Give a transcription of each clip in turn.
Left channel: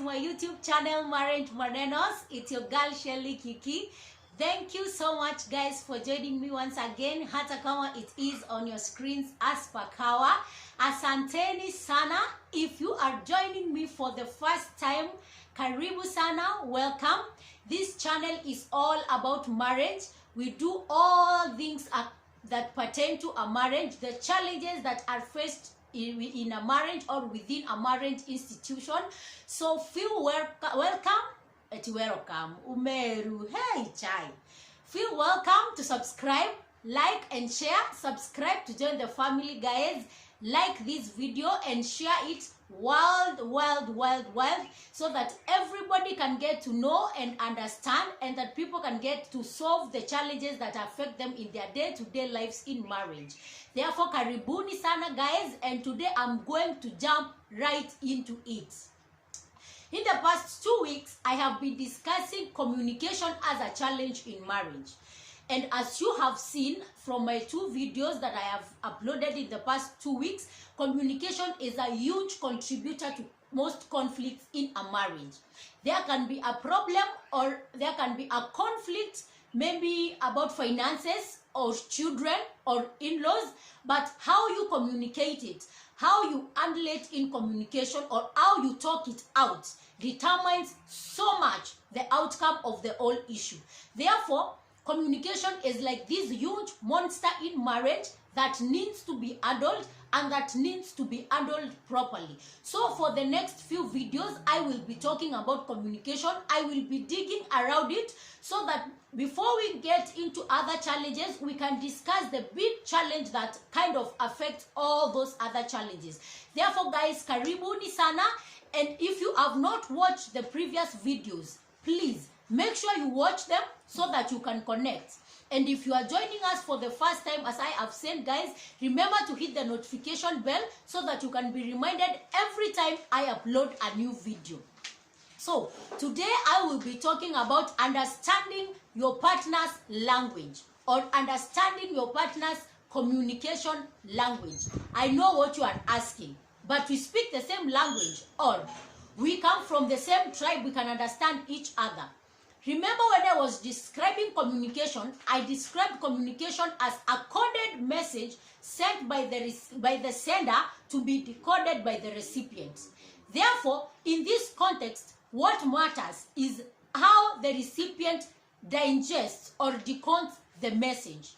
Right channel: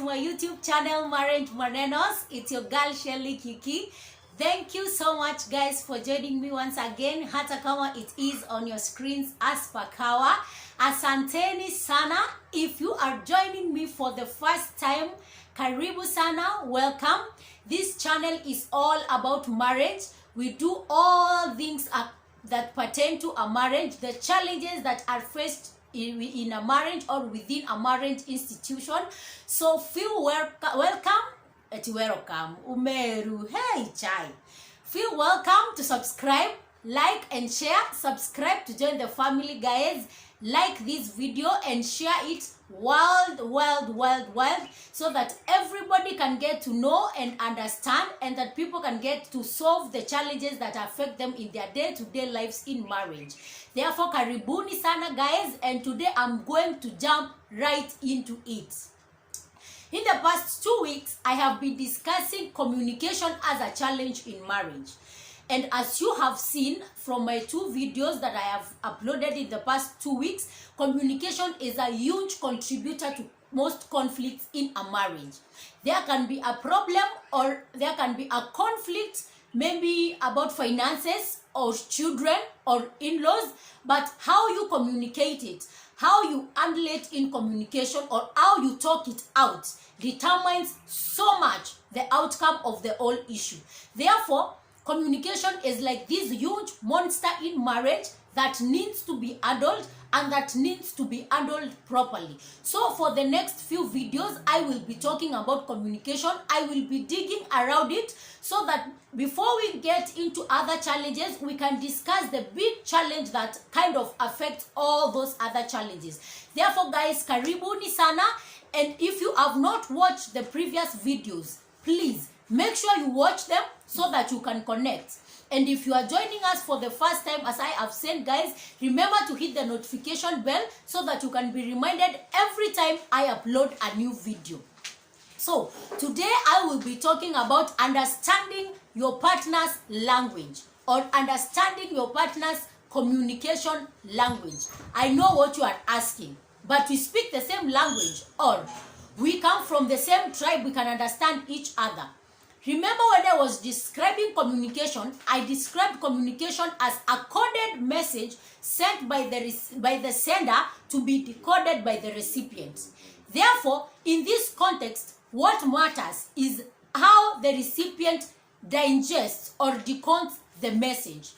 to my YouTube channel, MANENOS. It's your girl Shelly Kiki. Thank you so much guys for joining me once again. Hata kama it is on your screens as per kawa. Asanteni sana. If you are joining me for the first time, karibu sana, welcome. This channel is all about marriage. We do all things that pertain to a marriage, the challenges that are faced in a marriage or within a marriage institution. So feel welcome. Umeru, hey chai. Feel welcome to subscribe, like and share. Subscribe to join the family, guys. Like this video and share it world, so that everybody can get to know and understand, and that people can get to solve the challenges that affect them in their day-to-day lives in marriage. Therefore, karibuni sana guys, and today I'm going to jump right into it. In the past 2 weeks, I have been discussing communication as a challenge in marriage. And as you have seen from my 2 videos that I have uploaded in the past 2 weeks, communication is a huge contributor to most conflicts in a marriage. There can be a problem or there can be a conflict, maybe about finances or children or in-laws, but how you communicate it, how you handle it in communication, or how you talk it out determines so much the outcome of the whole issue. Therefore, communication is like this huge monster in marriage that needs to be handled and that needs to be handled properly. So for the next few videos, I will be talking about communication. I will be digging around it so that before we get into other challenges, we can discuss the big challenge that kind of affects all those other challenges. Therefore, guys, karibuni sana. And if you have not watched the previous videos, please make sure you watch them so that you can connect. And if you are joining us for the first time, as I have said, guys, remember to hit the notification bell so that you can be reminded every time I upload a new video. So today I will be talking about understanding your partner's language, or understanding your partner's communication language. I know what you are asking, but we speak the same language, or we come from the same tribe, we can understand each other. Remember when I was describing communication, I described communication as a coded message sent by the sender to be decoded by the recipient. Therefore, in this context, what matters is how the recipient digests or decodes the message.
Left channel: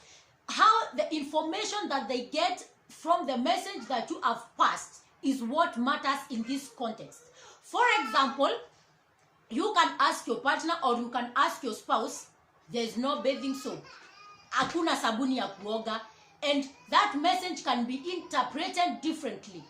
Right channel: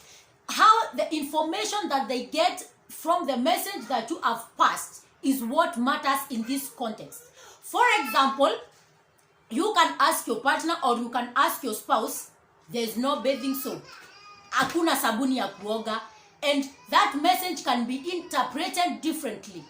How the information that they get from the message that you have passed is what matters in this context. For example, you can ask your partner or you can ask your spouse, there's no bathing soap, hakuna sabuni ya kuoga, and that message can be interpreted differently.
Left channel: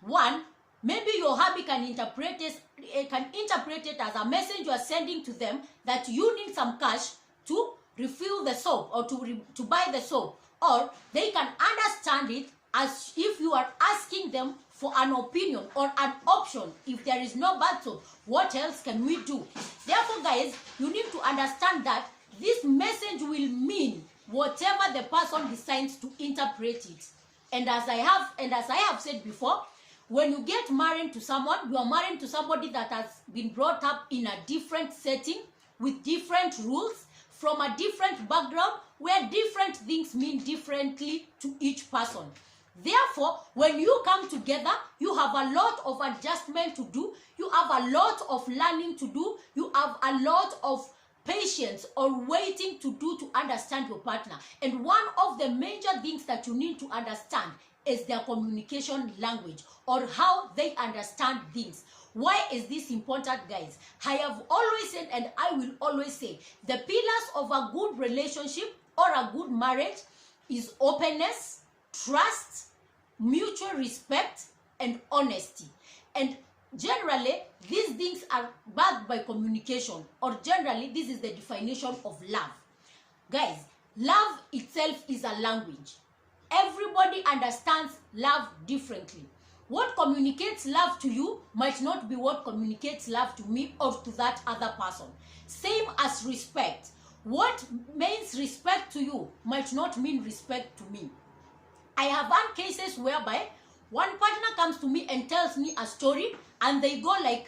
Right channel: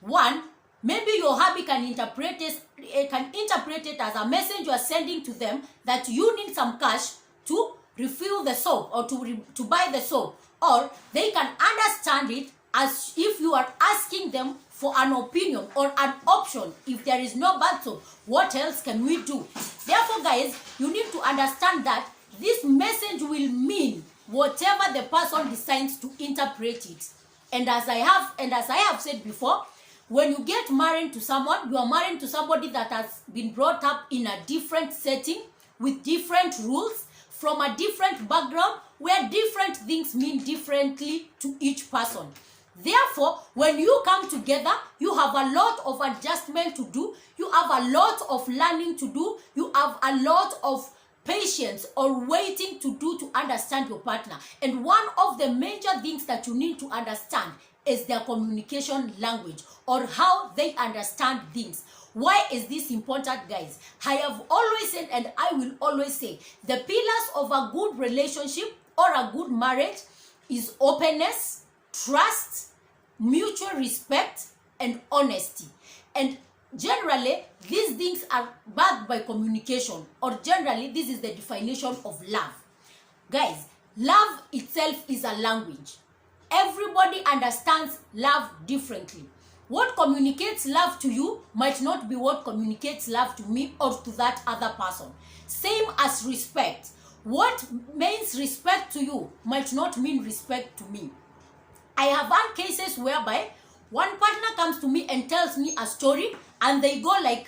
One, maybe your hubby can interpret it as a message you are sending to them that you need some cash to refill the soap or to buy the soap, or they can understand it as if you are asking them for an opinion or an option. If there is no bath soap, what else can we do? Therefore, guys, you need to understand that this message will mean whatever the person decides to interpret it. And as I have said before, when you get married to someone, you are married to somebody that has been brought up in a different setting with different rules, from a different background, where different things mean differently to each person. Therefore, when you come together, you have a lot of adjustment to do, you have a lot of learning to do, you have a lot of patience or waiting to do to understand your partner. And one of the major things that you need to understand is their communication language, or how they understand things. Why is this important, guys? I have always said, and I will always say, the pillars of a good relationship or a good marriage is openness, trust, mutual respect, and honesty. And generally, these things are backed by communication, or generally, this is the definition of love. Guys, love itself is a language. Everybody understands love differently. What communicates love to you might not be what communicates love to me or to that other person. Same as respect. What means respect to you might not mean respect to me. I have had cases whereby one partner comes to me and tells me a story, and they go like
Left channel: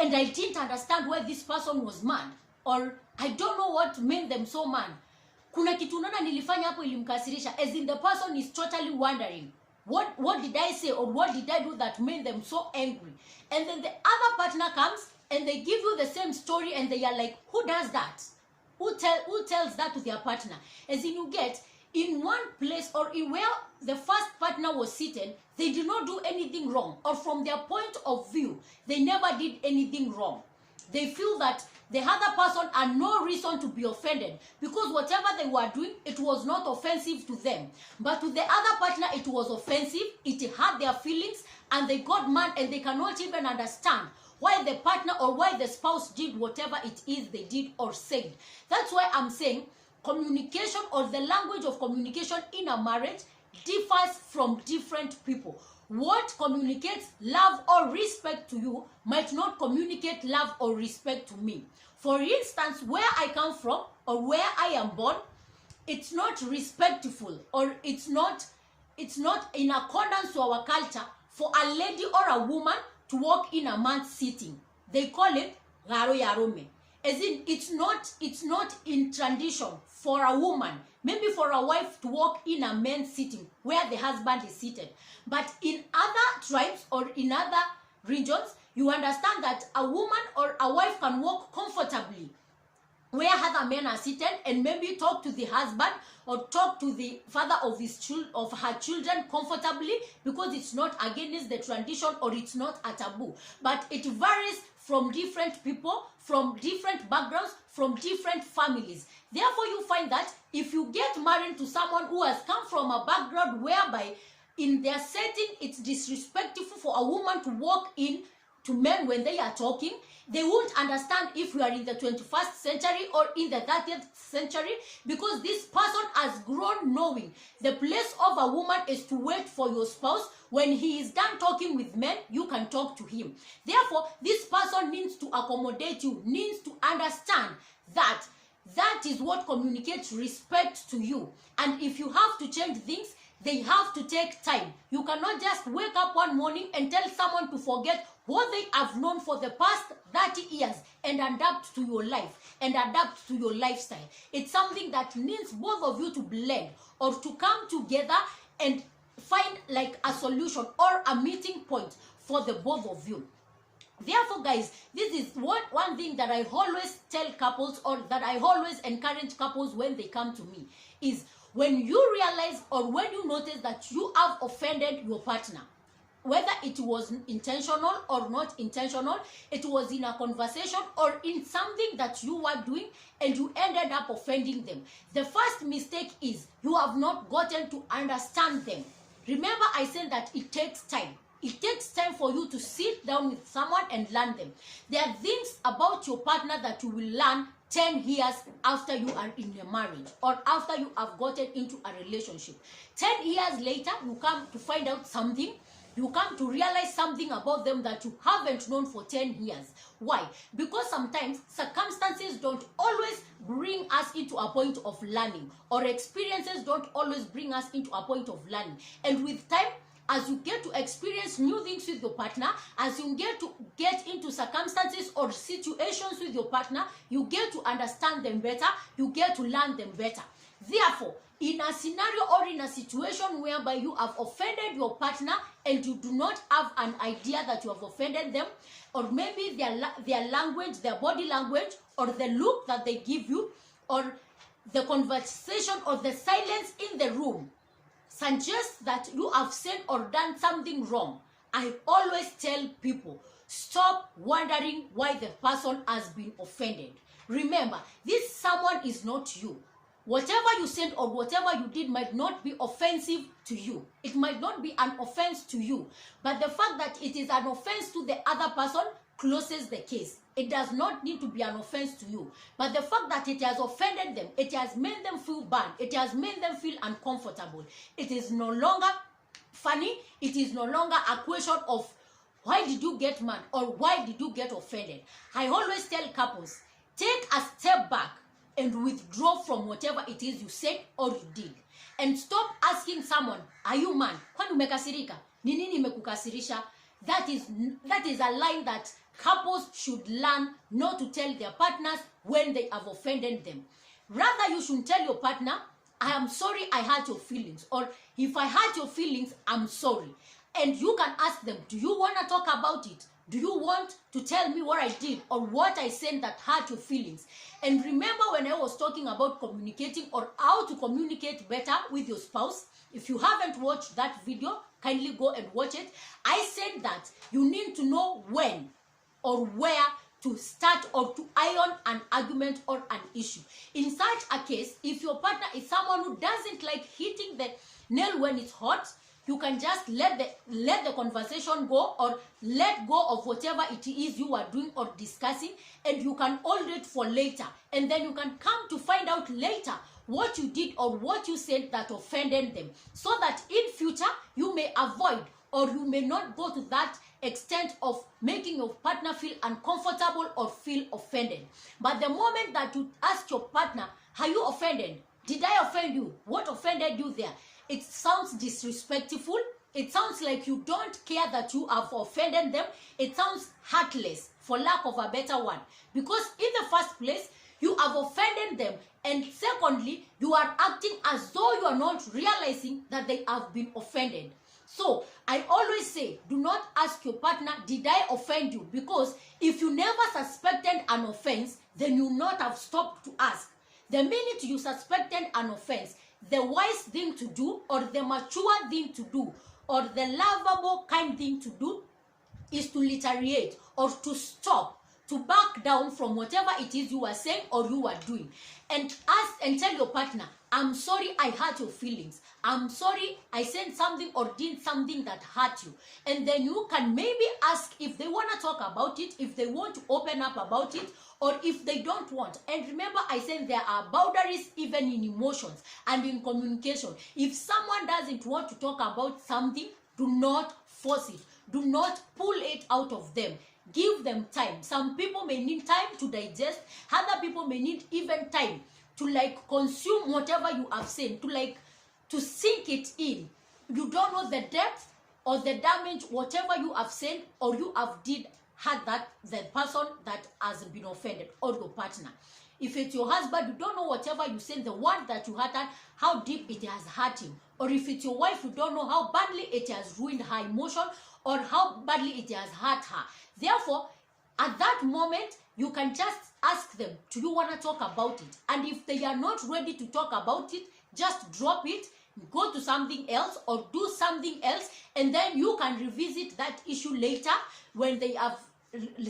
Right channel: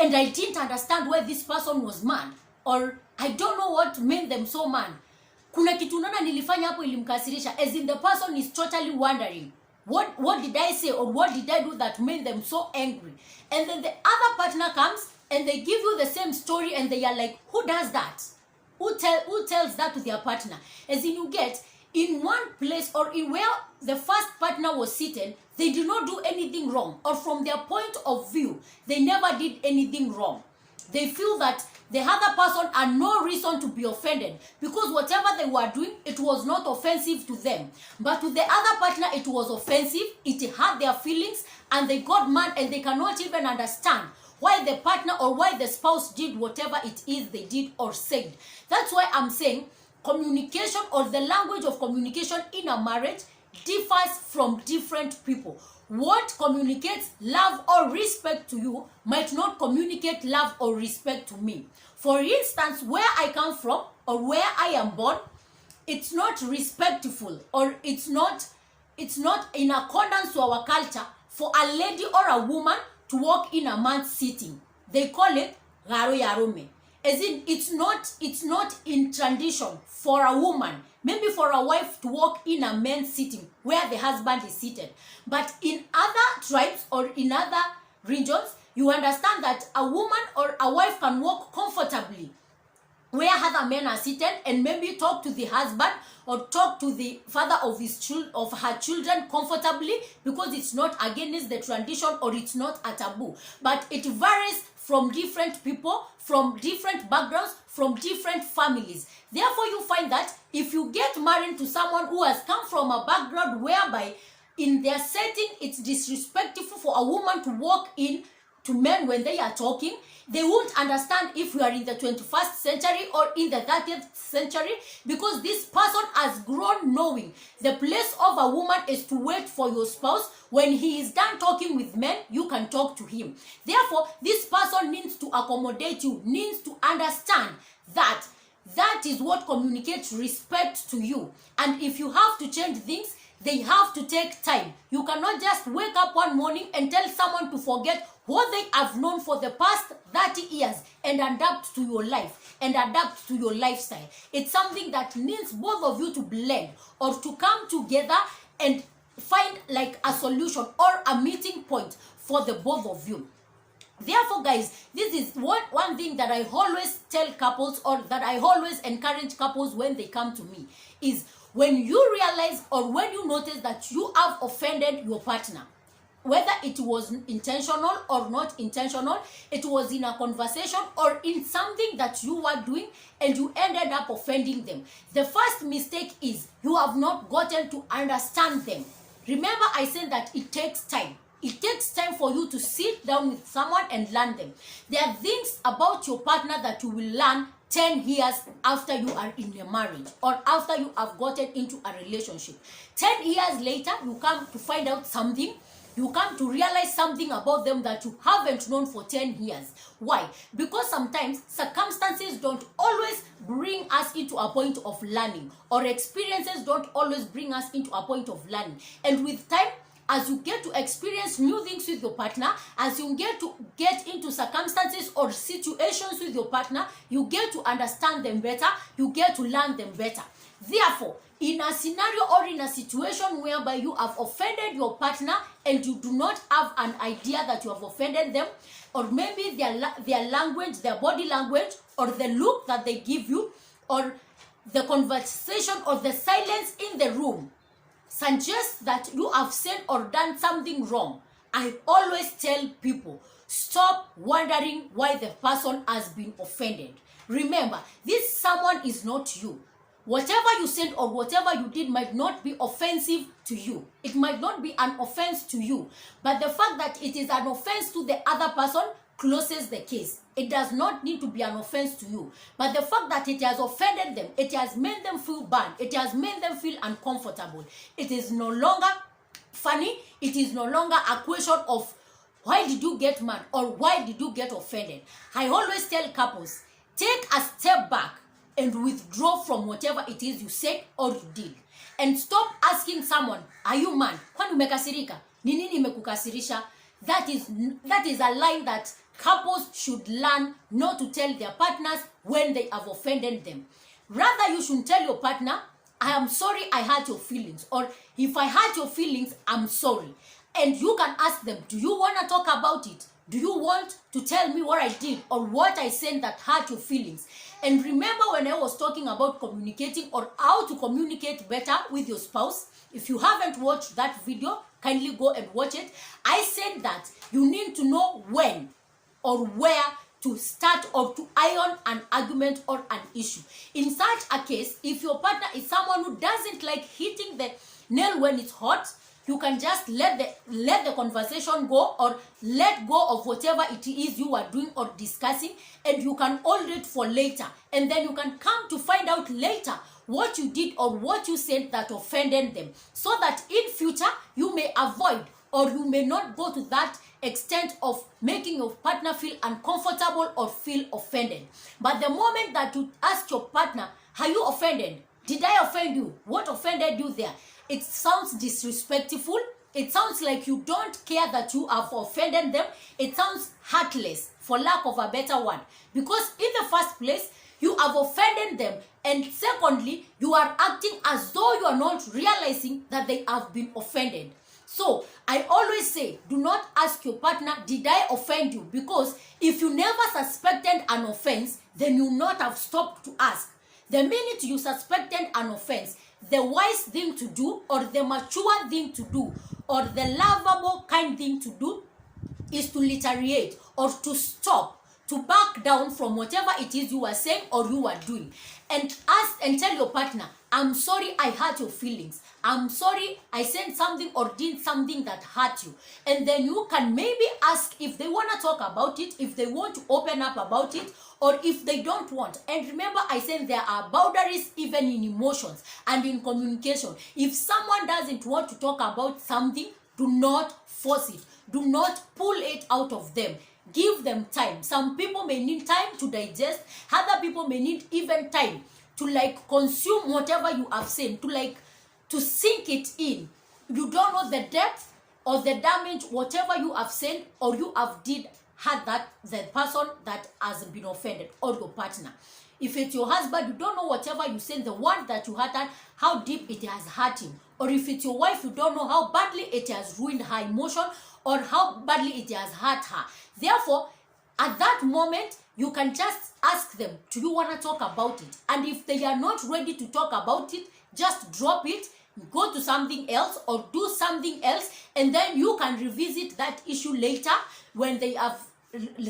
and I didn't understand why this person was mad, or I don't know what made them so mad. Kuna kitu nana nilifanya hapo ilimkasirisha, as in the person is totally wondering, what did I say or what did I do that made them so angry? And then the other partner comes and they give you the same story, and they are like, who does that? Who tells that to their partner? As in, you get in one place or in where the first partner was seated, they did not do anything wrong, or from their point of view, they never did anything wrong. They feel that the other person had no reason to be offended, because whatever they were doing, it was not offensive to them. But to the other partner, it was offensive, it hurt their feelings, and they got mad, and they cannot even understand why the partner or why the spouse did whatever it is they did or said. That's why I'm saying communication, or the language of communication in a marriage, differs from different people. What communicates love or respect to you might not communicate love or respect to me. For instance, where I come from or where I am born, it's not respectful, or it's not in accordance to our culture for a lady or a woman to walk in a man's sitting. They call it garo yarome. As in, it's not in tradition for a woman, maybe for a wife, to walk in a man's sitting where the husband is seated. But in other tribes or in other regions, you understand that a woman or a wife can walk comfortably where other men are seated, and maybe talk to the husband or talk to the father of her children comfortably, because it's not against the tradition or it's not a taboo. But it varies from different people, from different backgrounds, from different families. Therefore, you find that if you get married to someone who has come from a background whereby in their setting it's disrespectful for a woman to walk in to men when they are talking, they won't understand if you are in the 21st century or in the 30th century, because this person has grown knowing the place of a woman is to wait for your spouse. When he is done talking with men, you can talk to him. Therefore, this person needs to accommodate you, needs to understand that that is what communicates respect to you. And if you have to change things, they have to take time. You cannot just wake up one morning and tell someone to forget what they have known for the past 30 years and adapt to your life and adapt to your lifestyle. It's something that needs both of you to blend or to come together and find like a solution or a meeting point for the both of you. Therefore, guys, this is one thing that I always tell couples, or that I always encourage couples when they come to me, is when you realize or when you notice that you have offended your partner, whether it was intentional or not intentional, it was in a conversation or in something that you were doing and you ended up offending them. The first mistake is you have not gotten to understand them. Remember, I said that it takes time. It takes time for you to sit down with someone and learn them. There are things about your partner that you will learn 10 years after you are in a marriage or after you have gotten into a relationship. 10 years later, you come to find out something. You come to realize something about them that you haven't known for 10 years. Why? Because sometimes circumstances don't always bring us into a point of learning, or experiences don't always bring us into a point of learning. And with time, as you get to experience new things with your partner, as you get into circumstances or situations with your partner, you get to understand them better, you get to learn them better. Therefore, in a scenario or in a situation whereby you have offended your partner and you do not have an idea that you have offended them, or maybe their language, their body language, or the look that they give you, or the conversation or the silence in the room suggests that you have said or done something wrong, I always tell people, stop wondering why the person has been offended. Remember, this someone is not you. Whatever you said or whatever you did might not be offensive to you. It might not be an offense to you. But the fact that it is an offense to the other person closes the case. It does not need to be an offense to you. But the fact that it has offended them, it has made them feel bad, it has made them feel uncomfortable. It is no longer funny. It is no longer a question of why did you get mad or why did you get offended. I always tell couples, take a step back and withdraw from whatever it is you said or you did. And stop asking someone, are you mad? Kwani umekasirika? Ni nini imekukasirisha? That is a line that couples should learn not to tell their partners when they have offended them. Rather, you should tell your partner, I am sorry I hurt your feelings, or if I hurt your feelings, I'm sorry. And you can ask them, do you want to talk about it? Do you want to tell me what I did or what I said that hurt your feelings? And remember when I was talking about communicating or how to communicate better with your spouse, if you haven't watched that video, kindly go and watch it. I said that you need to know when or where to start or to iron an argument or an issue. In such a case, if your partner is someone who doesn't like hitting the nail when it's hot, you can just let the conversation go, or let go of whatever it is you are doing or discussing, and you can hold it for later. And then you can come to find out later what you did or what you said that offended them, so that in future you may avoid or you may not go to that extent of making your partner feel uncomfortable or feel offended. But the moment that you ask your partner, are you offended? Did I offend you? What offended you there? It sounds disrespectful. It sounds like you don't care that you have offended them. It sounds heartless, for lack of a better one. Because in the first place, you have offended them. And secondly, you are acting as though you are not realizing that they have been offended. So, I always say, do not ask your partner, did I offend you? Because if you never suspected an offense, then you would not have stopped to ask. The minute you suspected an offense, the wise thing to do, or the mature thing to do, or the lovable kind thing to do, is to reiterate or to stop, to back down from whatever it is you are saying or you are doing, and ask and tell your partner, I'm sorry I hurt your feelings. I'm sorry I said something or did something that hurt you. And then you can maybe ask if they want to talk about it, if they want to open up about it, or if they don't want. And remember, I said there are boundaries even in emotions and in communication. If someone doesn't want to talk about something, do not force it. Do not pull it out of them. Give them time. Some people may need time to digest. Other people may need even time to consume whatever you have said, to sink it in. You don't know the depth or the damage whatever you have said or you have did had that the person that has been offended, or your partner. If it's your husband, you don't know whatever you said, the word that you uttered, how deep it has hurt him. Or if it's your wife, you don't know how badly it has ruined her emotion or how badly it has hurt her. Therefore, at that moment, you can just ask them, do you want to talk about it? And if they are not ready to talk about it, just drop it, go to something else or do something else, and then you can revisit that issue later when they have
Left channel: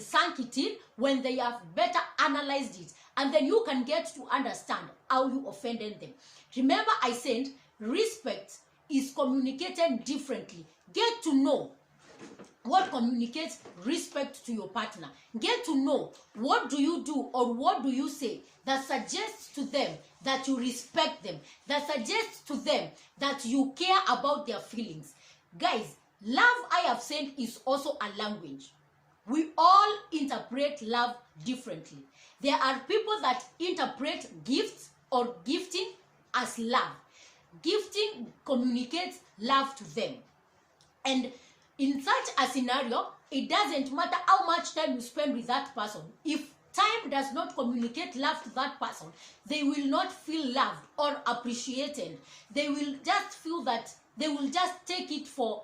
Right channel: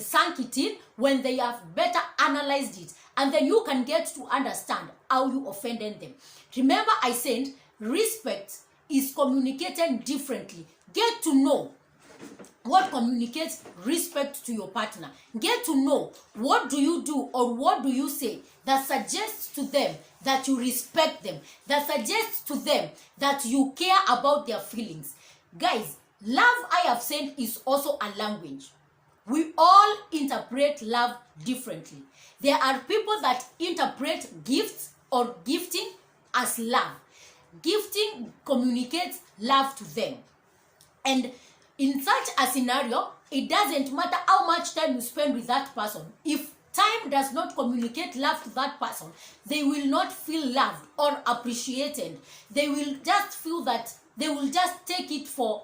sunk it in, when they have better analyzed it, and then you can get to understand how you offended them. Remember, I said respect is communicated differently. Get to know what communicates respect to your partner. Get to know what do you do or what do you say that suggests to them that you respect them, that suggests to them that you care about their feelings. Guys, love, I have said, is also a language. We all interpret love differently. There are people that interpret gifts or gifting as love. Gifting communicates love to them. And in such a scenario, it doesn't matter how much time you spend with that person. If time does not communicate love to that person, they will not feel loved or appreciated. They will just feel that they will just take it for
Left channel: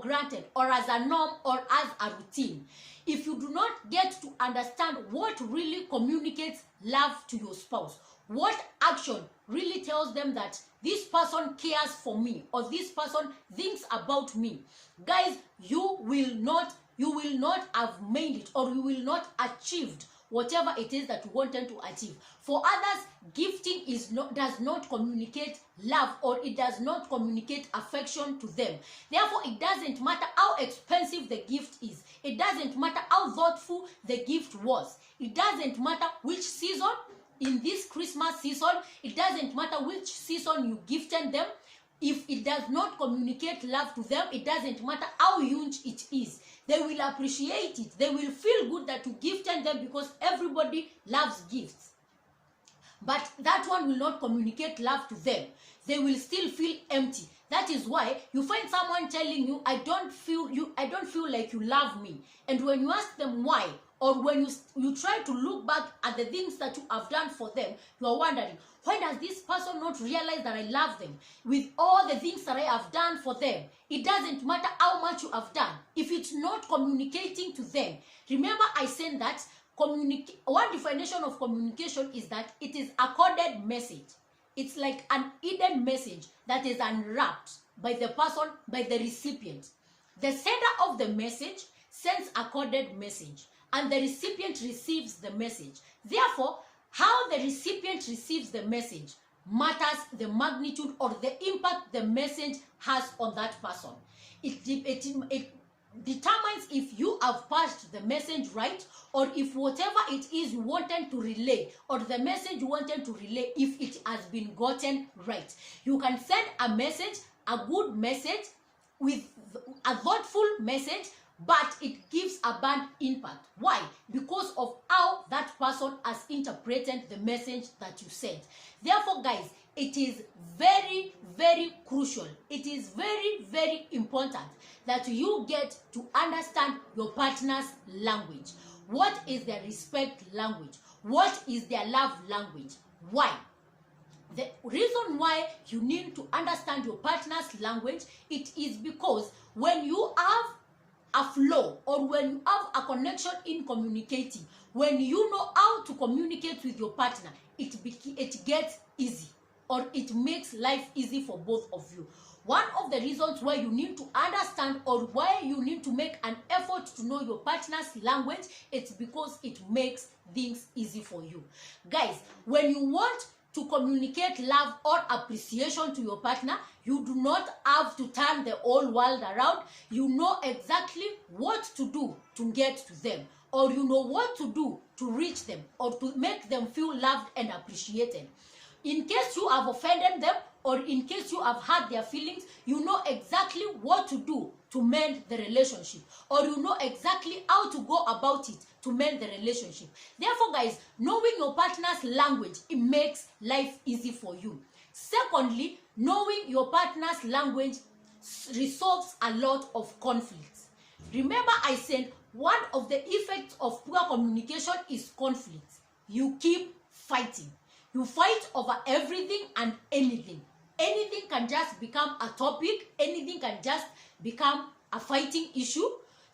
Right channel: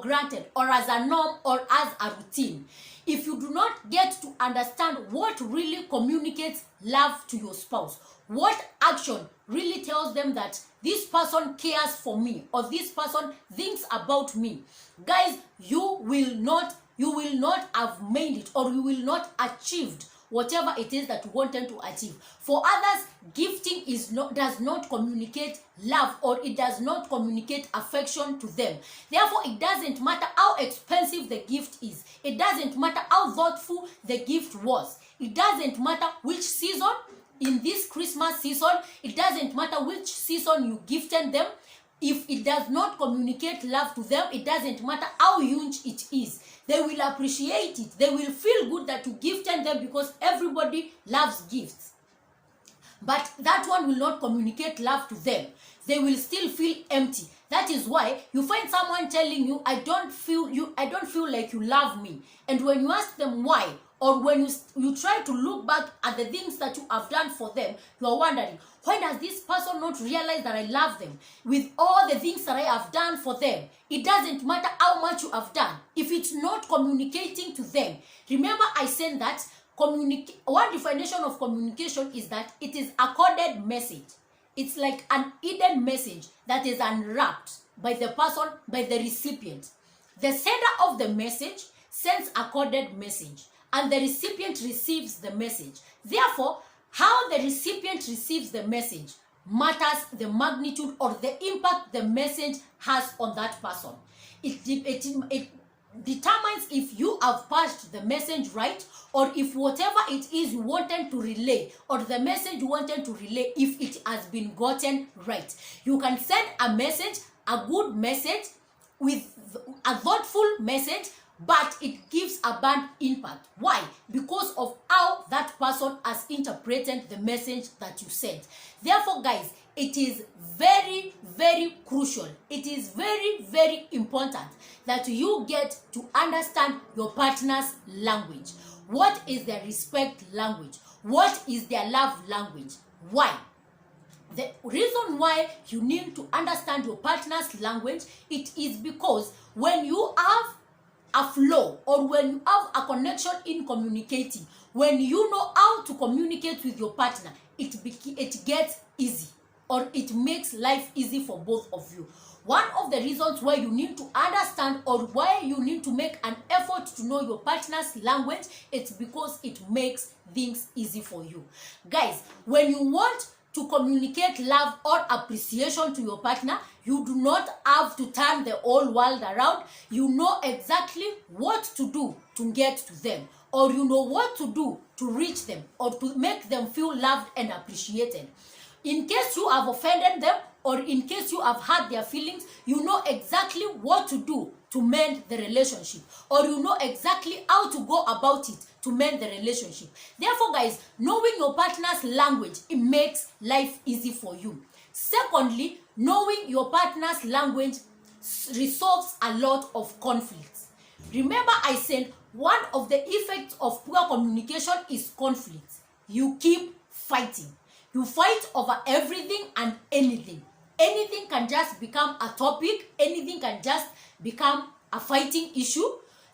granted or as a norm or as a routine. If you do not get to understand what really communicates love to your spouse, what action really tells them that this person cares for me or this person thinks about me, guys, you will not have made it, or you will not achieved whatever it is that you wanted to achieve. For others, gifting does not communicate love, or it does not communicate affection to them. Therefore, it doesn't matter how expensive the gift is. It doesn't matter how thoughtful the gift was. It doesn't matter which season, in this Christmas season, it doesn't matter which season you gifted them. If it does not communicate love to them, it doesn't matter how huge it is. They will appreciate it. They will feel good that you gifted them, because everybody loves gifts. But that one will not communicate love to them. They will still feel empty. That is why you find someone telling you, I don't feel like you love me. And when you ask them why, or when you try to look back at the things that you have done for them, you are wondering, why does this person not realize that I love them? With all the things that I have done for them, it doesn't matter how much you have done. If it's not communicating to them, remember I said that one definition of communication is that it is a coded message. It's like an hidden message that is unwrapped by the person, by the recipient. The sender of the message sends a coded message, and the recipient receives the message. Therefore, how the recipient receives the message matters the magnitude or the impact the message has on that person. It determines if you have passed the message right, or if whatever it is you wanted to relay, or the message you wanted to relay, if it has been gotten right. You can send a message, a good message, with a thoughtful message, but it gives a bad impact. Why? Because of how that person has interpreted the message that you sent. Therefore, guys, it is very, very crucial. It is very, very important that you get to understand your partner's language. What is their respect language? What is their love language? Why? The reason why you need to understand your partner's language, it is because when you have a flow, or when you have a connection in communicating, when you know how to communicate with your partner, it gets easy, or it makes life easy for both of you. One of the reasons why you need to understand, or why you need to make an effort to know your partner's language, it's because it makes things easy for you. Guys, when you want to communicate love or appreciation to your partner, you do not have to turn the whole world around. You know exactly what to do to get to them, or you know what to do to reach them, or to make them feel loved and appreciated. In case you have offended them, or in case you have hurt their feelings, you know exactly what to do to mend the relationship, or you know exactly how to go about it to mend the relationship. Therefore, guys, knowing your partner's language, it makes life easy for you. Secondly, knowing your partner's language resolves a lot of conflicts. Remember I said one of the effects of poor communication is conflict. You keep fighting. You fight over everything and anything. Anything can just become a topic. Anything can just become a fighting issue.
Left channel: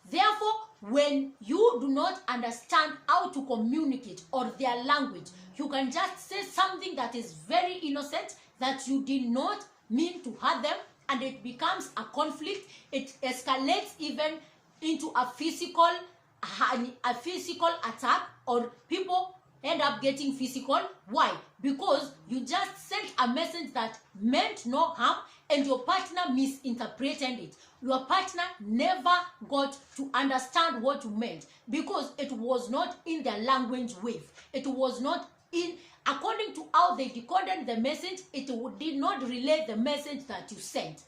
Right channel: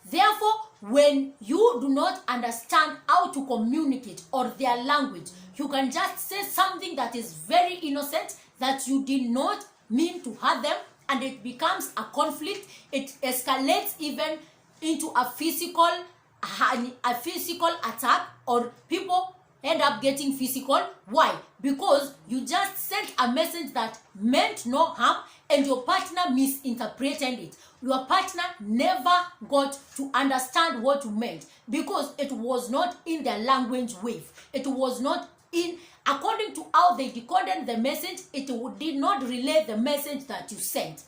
Therefore, when you do not understand how to communicate, or their language, you can just say something that is very innocent, that you did not mean to hurt them, and it becomes a conflict. It escalates even into a physical attack, or people end up getting physical. Why? Because you just sent a message that meant no harm, and your partner misinterpreted it. Your partner never got to understand what you meant, because it was not in their language wave. It was not in, according to how they decoded the message, it did not relay the message that you sent.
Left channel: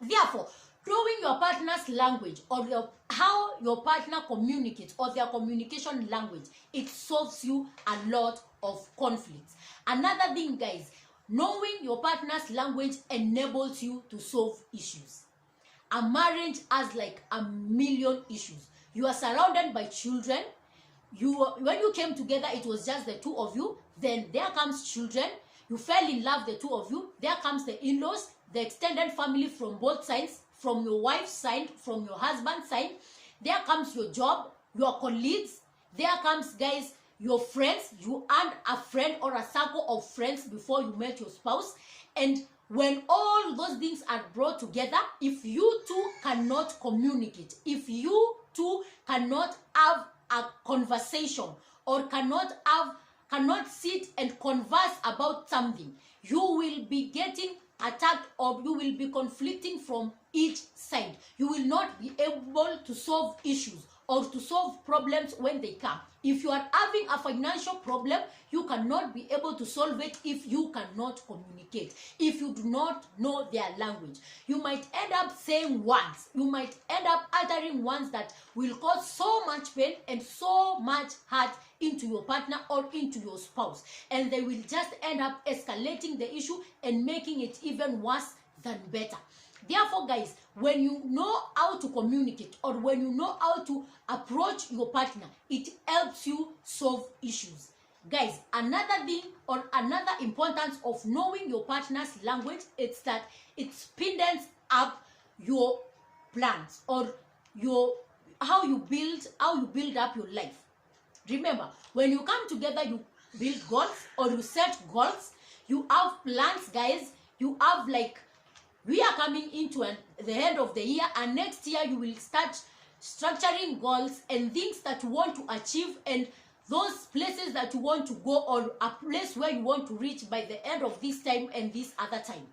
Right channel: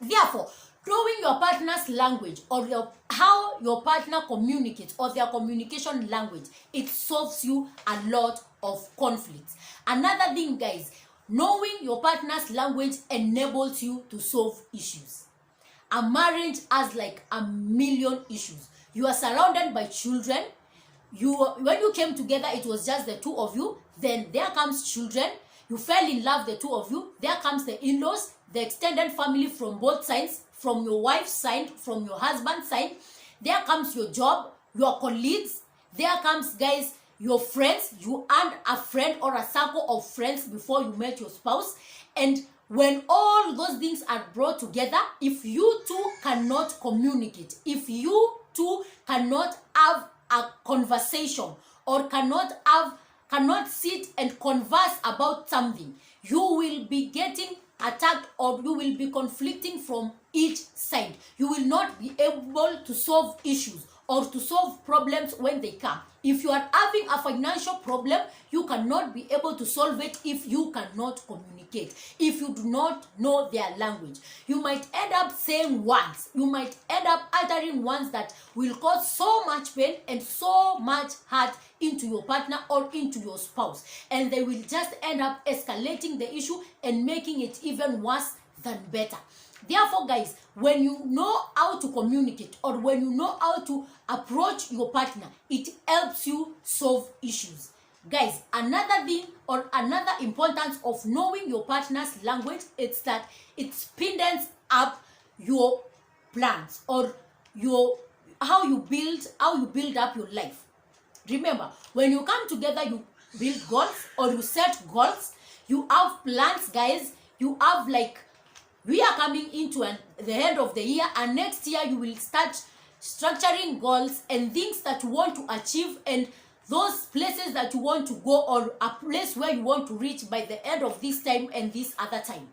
Therefore, knowing your partner's language, or how your partner communicates, or their communication language, it solves you a lot of conflicts. Another thing, guys, knowing your partner's language enables you to solve issues. A marriage has like a million issues. You are surrounded by children. When you came together, it was just the two of you. Then there comes children. You fell in love, the two of you. There comes the in-laws, the extended family from both sides, from your wife's side, from your husband's side. There comes your job, your colleagues. There comes, guys, your friends. You earned a friend or a circle of friends before you met your spouse. And when all those things are brought together, if you two cannot communicate, if you two cannot have a conversation, or cannot sit and converse about something, you will be getting attacked, or you will be conflicting from each side. You will not be able to solve issues, or to solve problems when they come. If you are having a financial problem, you cannot be able to solve it if you cannot communicate, if you do not know their language. You might end up saying words, you might end up uttering words that will cause so much pain and so much hurt into your partner or into your spouse, and they will just end up escalating the issue and making it even worse than better. Therefore, guys, when you know how to communicate or when you know how to approach your partner, it helps you solve issues. Guys, another thing or another importance of knowing your partner's language is that it speeds up your plans or your how you build up your life. Remember, when you come together, you build goals or you set goals. You have plans, guys. You have like, we are coming into the end of the year, and next year you will start structuring goals and things that you want to achieve and those places that you want to go or a place where you want to reach by the end of this time and this other time.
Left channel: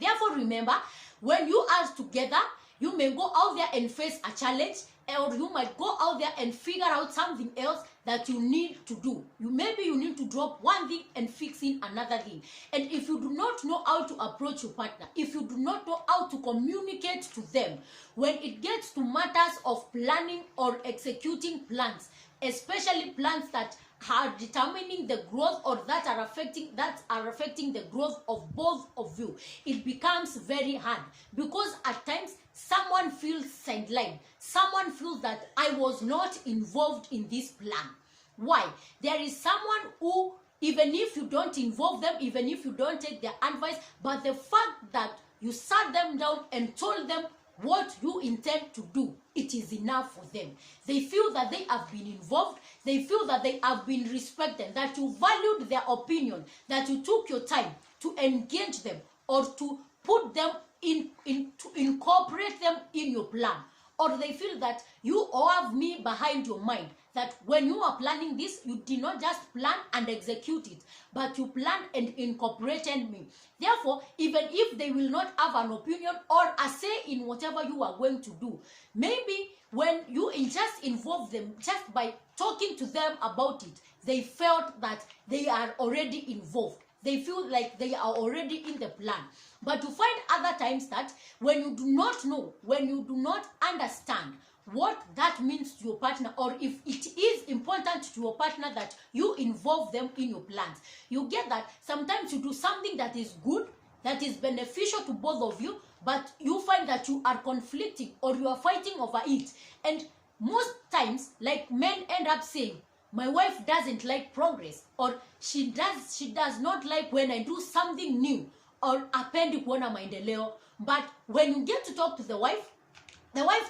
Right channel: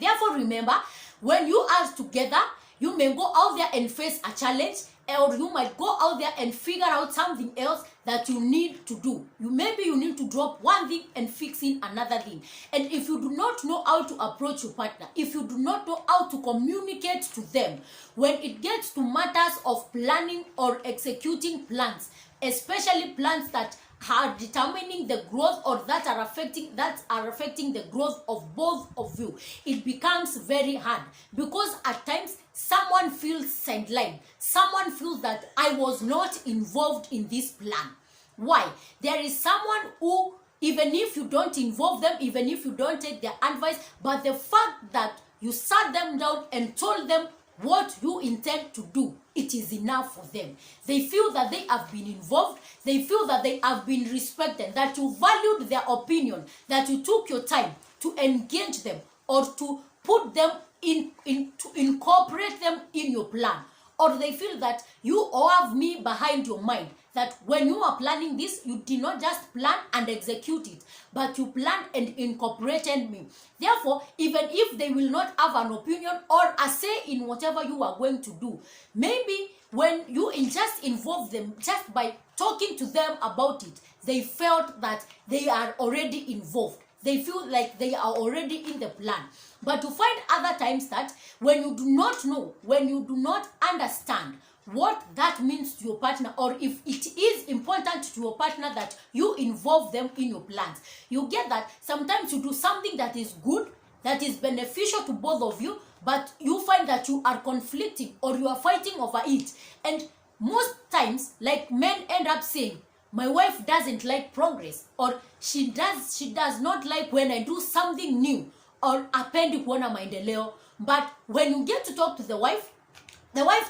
Therefore, remember, when you are together, you may go out there and face a challenge, or you might go out there and figure out something else that you need to do. Maybe you need to drop one thing and fix in another thing. And if you do not know how to approach your partner, if you do not know how to communicate to them, when it gets to matters of planning or executing plans, especially plans that are determining the growth or that are affecting the growth of both of you, it becomes very hard, because at times someone feels sidelined. Someone feels that I was not involved in this plan. Why? There is someone who, even if you don't involve them, even if you don't take their advice, but the fact that you sat them down and told them what you intend to do, it is enough for them. They feel that they have been involved. They feel that they have been respected, that you valued their opinion, that you took your time to engage them or to put them to incorporate them in your plan. Or they feel that you have me behind your mind, that when you are planning this, you did not just plan and execute it, but you planned and incorporated me. Therefore, even if they will not have an opinion or a say in whatever you are going to do, maybe when you just involve them just by talking to them about it, they felt that they are already involved. They feel like they are already in the plan. But you find other times that when you do not know, when you do not understand what that means to your partner, or if it is important to your partner that you involve them in your plans, you get that sometimes you do something that is good, that is beneficial to both of you, but you find that you are conflicting or you are fighting over it. And most times, like, men end up saying, my wife doesn't like progress, or she does not like when I do something new, or apendi kuona maendeleo. But when you get to talk to the wife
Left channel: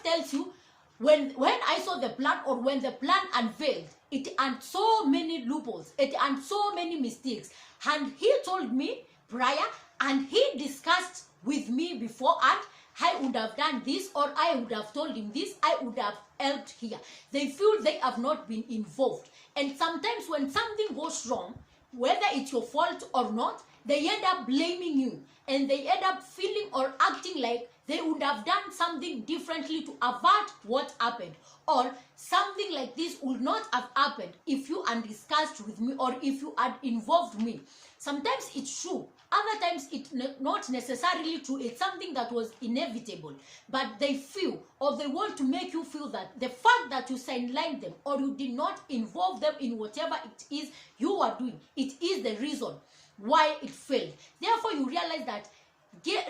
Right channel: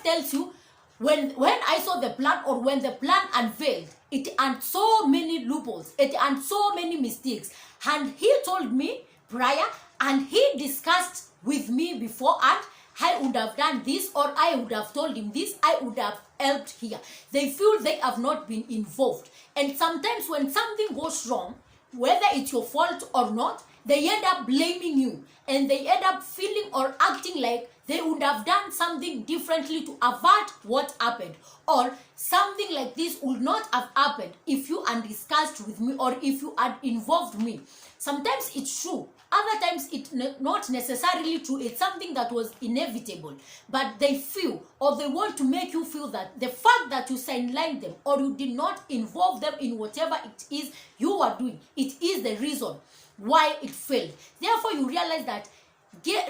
tells you, when I saw the plan, or when the plan unveiled, it had so many loopholes, it had so many mistakes, and he told me prior, and he discussed with me before, and I would have done this, or I would have told him this, I would have helped here. They feel they have not been involved. And sometimes when something goes wrong, whether it's your fault or not, they end up blaming you, and they end up feeling or acting like they would have done something differently to avert what happened, or something like this would not have happened if you had discussed with me or if you had involved me. Sometimes it's true, other times it's not necessarily true. It's something that was inevitable, but they feel, or they want to make you feel, that the fact that you sidelined them or you did not involve them in whatever it is you are doing, it is the reason why it failed. Therefore, you realize that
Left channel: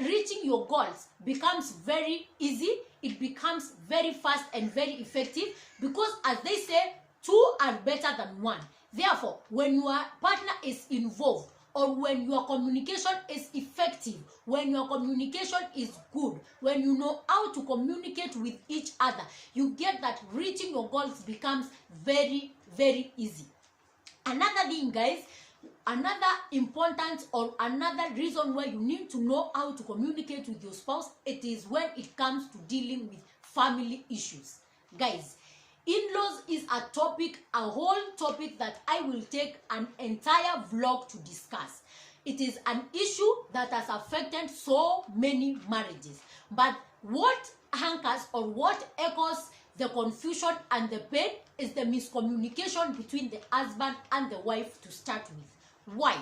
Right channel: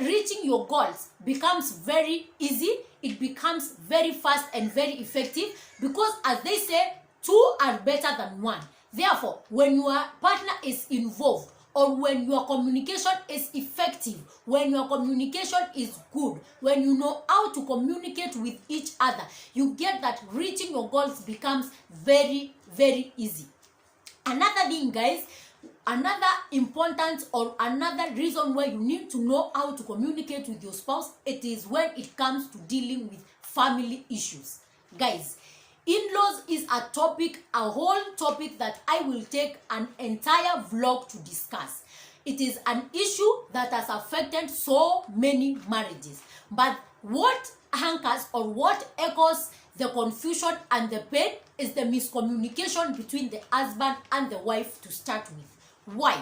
reaching your goals becomes very easy. It becomes very fast and very effective, because, as they say, two are better than one. Therefore, when your partner is involved, or when your communication is effective, when your communication is good, when you know how to communicate with each other, you get that reaching your goals becomes very, very easy. Another thing, guys, another importance or another reason why you need to know how to communicate with your spouse, it is when it comes to dealing with family issues. Guys, in-laws is a topic, a whole topic that I will take an entire vlog to discuss. It is an issue that has affected so many marriages. But what anchors or what echoes the confusion and the pain is the miscommunication between the husband and the wife to start with. Why?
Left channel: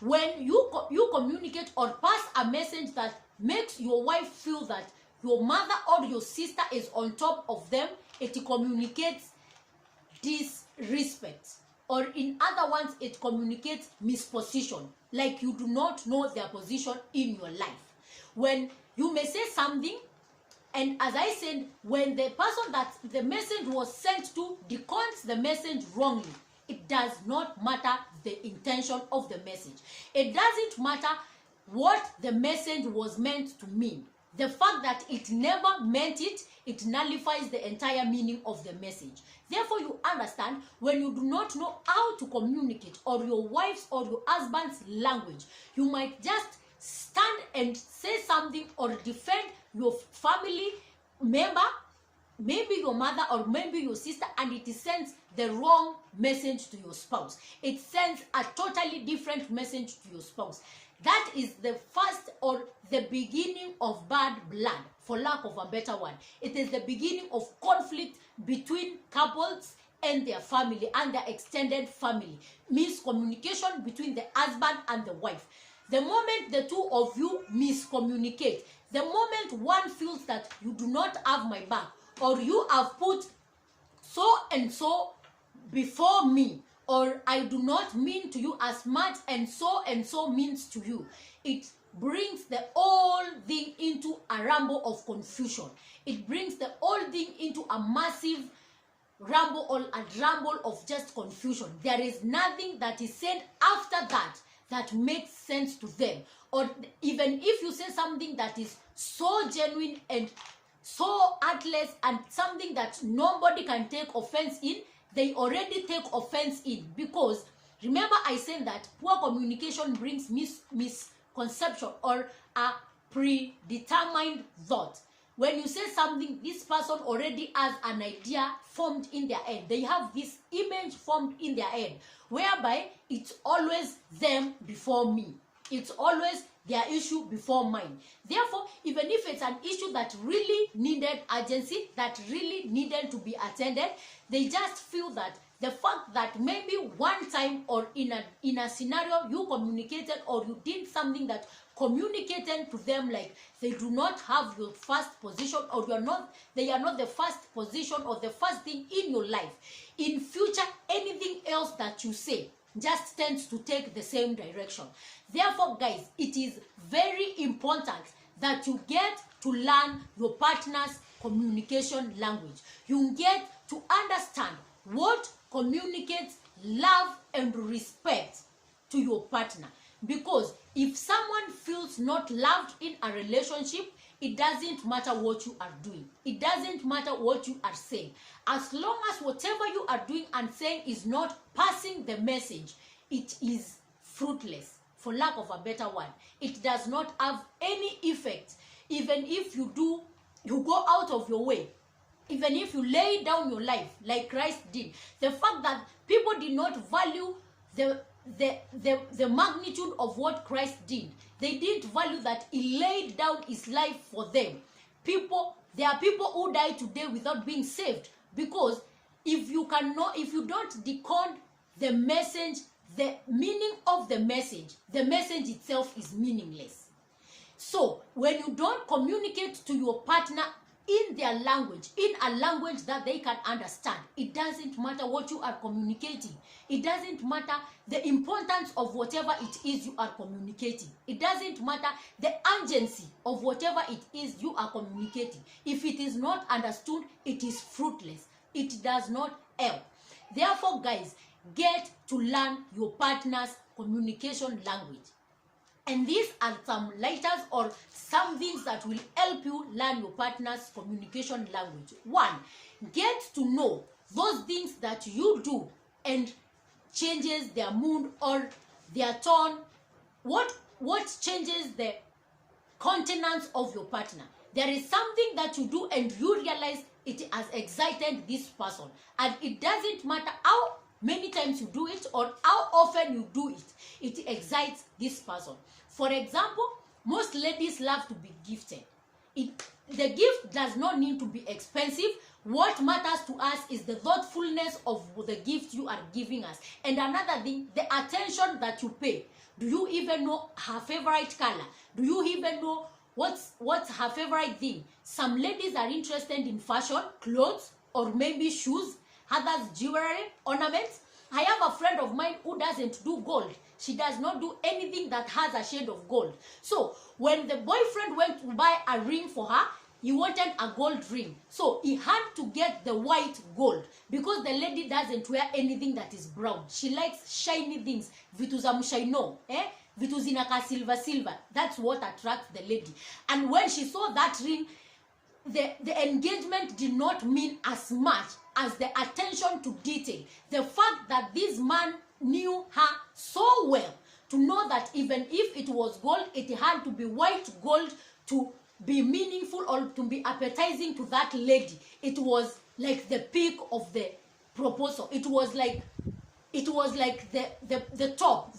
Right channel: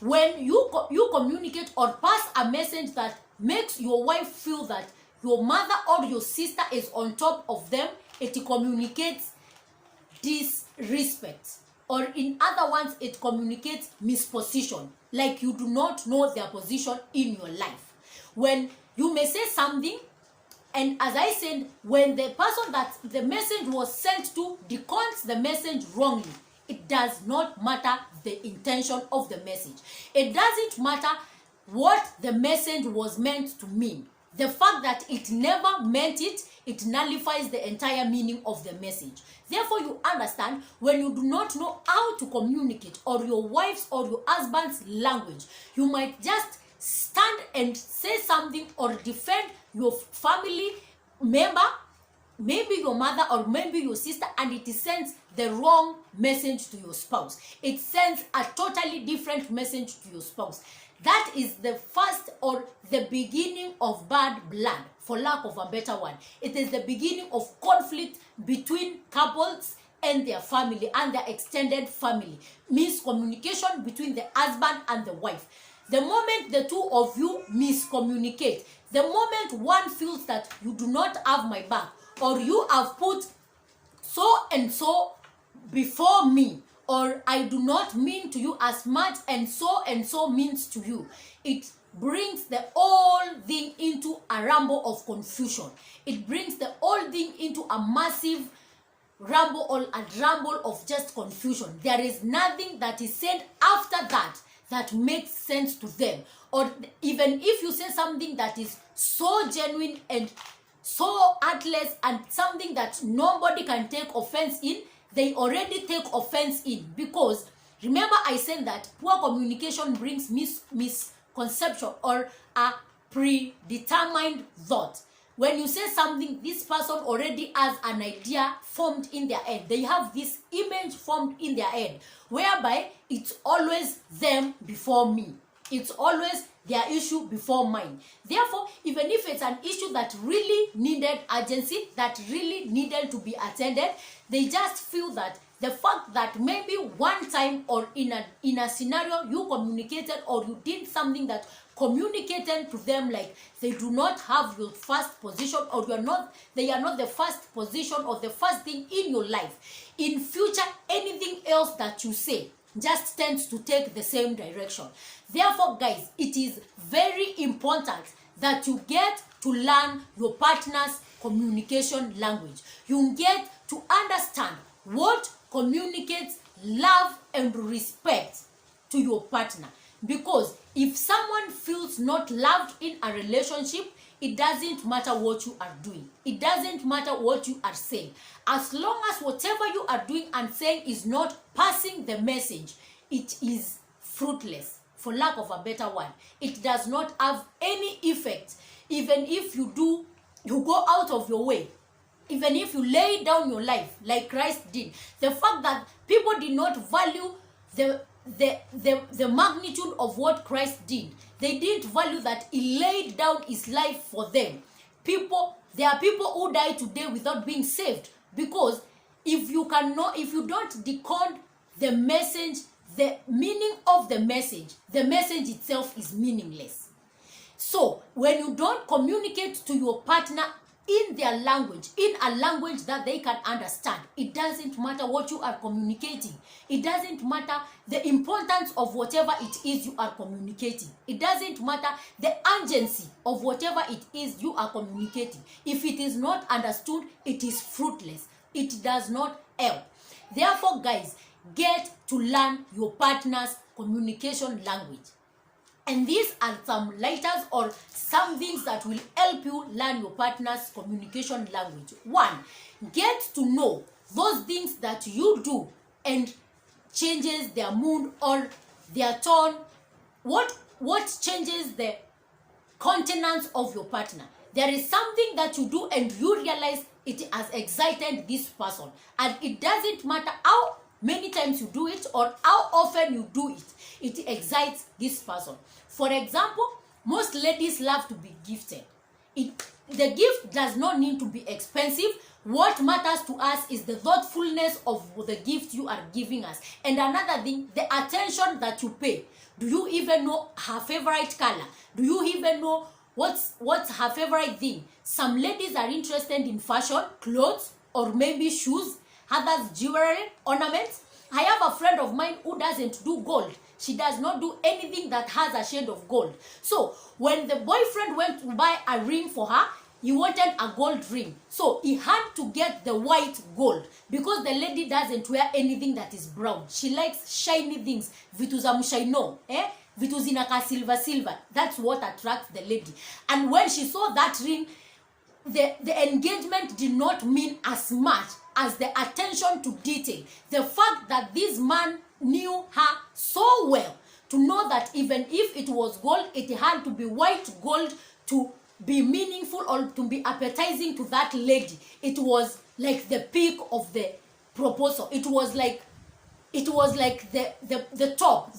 When you communicate or pass a message that makes your wife feel that your mother or your sister is on top of them, it communicates disrespect. Or in other words, it communicates misposition, like you do not know their position in your life. when you may say something, and as I said, when the person that the message was sent to decodes the message wrongly, it does not matter the intention of the message. It doesn't matter what the message was meant to mean. The fact that it never meant it, it nullifies the entire meaning of the message. Therefore, you understand, when you do not know how to communicate, or your wife's or your husband's language, you might just stand and say something or defend your family member, maybe your mother or maybe your sister, and it sends the wrong message to your spouse. It sends a totally different message to your spouse. That is the first or the beginning of bad blood, for lack of a better one. It is the beginning of conflict between couples and their family and their extended family. Miscommunication between the husband and the wife. The moment the two of you miscommunicate, the moment one feels that you do not have my back, or you have put so and so before me, or I do not mean to you as much and so means to you, it brings the whole thing into a rumble of confusion. It brings the whole thing into a massive rumble or a rumble of just confusion. There is nothing that is said after that that makes sense to them. Or even if you say something that is so genuine and so heartless and something that nobody can take offense in, they already take offense in. Because remember, I said that poor communication brings misconception or a predetermined thought. When you say something, this person already has an idea formed in their head. They have this image formed in their head, whereby it's always them before me. It's always their issue before mine. Therefore, even if it's an issue that really needed urgency, that really needed to be attended, they just feel that the fact that maybe one time or in a scenario you communicated or you did something that communicated to them like they do not have your first position, or they are not the first position or the first thing in your life. In future, anything else that you say just tends to take the same direction. Therefore, guys, it is very important that you get to learn your partner's communication language. You get to understand what communicates love and respect to your partner. Because if someone feels not loved in a relationship, it doesn't matter what you are doing. It doesn't matter what you are saying. As long as whatever you are doing and saying is not passing the message, it is fruitless, for lack of a better one. It does not have any effect. Even if you go out of your way, even if you lay down your life like Christ did, the fact that people did not value the magnitude of what Christ did. They didn't value that he laid down his life for them. There are people who die today without being saved, because if you don't decode the message, the meaning of the message itself is meaningless. So when you don't communicate to your partner in their language, in a language that they can understand, it doesn't matter what you are communicating. It doesn't matter the importance of whatever it is you are communicating. It doesn't matter the urgency of whatever it is you are communicating. If it is not understood, it is fruitless. It does not help. Therefore, guys, get to learn your partner's communication language. And these are some lighters or some things that will help you learn your partner's communication language. 1, get to know those things that you do and changes their mood or their tone. What changes the countenance of your partner? There is something that you do and you realize it has excited this person. And it doesn't matter how many times you do it or how often you do it, it excites this person. For example, most ladies love to be gifted. The gift does not need to be expensive. What matters to us is the thoughtfulness of the gift you are giving us. And another thing, the attention that you pay. Do you even know her favorite color? Do you even know what's her favorite thing? Some ladies are interested in fashion, clothes, or maybe shoes, others jewelry, ornaments. I have a friend of mine who doesn't do gold. She does not do anything that has a shade of gold. So when the boyfriend went to buy a ring for her, he wanted a gold ring. So he had to get the white gold because the lady doesn't wear anything that is brown. She likes shiny things. Vitu za mshaino, vitu zinaka silver. That's what attracts the lady. And when she saw that ring, the engagement did not mean as much as the attention to detail. The fact that this man knew her so well to know that even if it was gold, it had to be white gold to be meaningful or to be appetizing to that lady. It was like the peak of the proposal. It was like the top,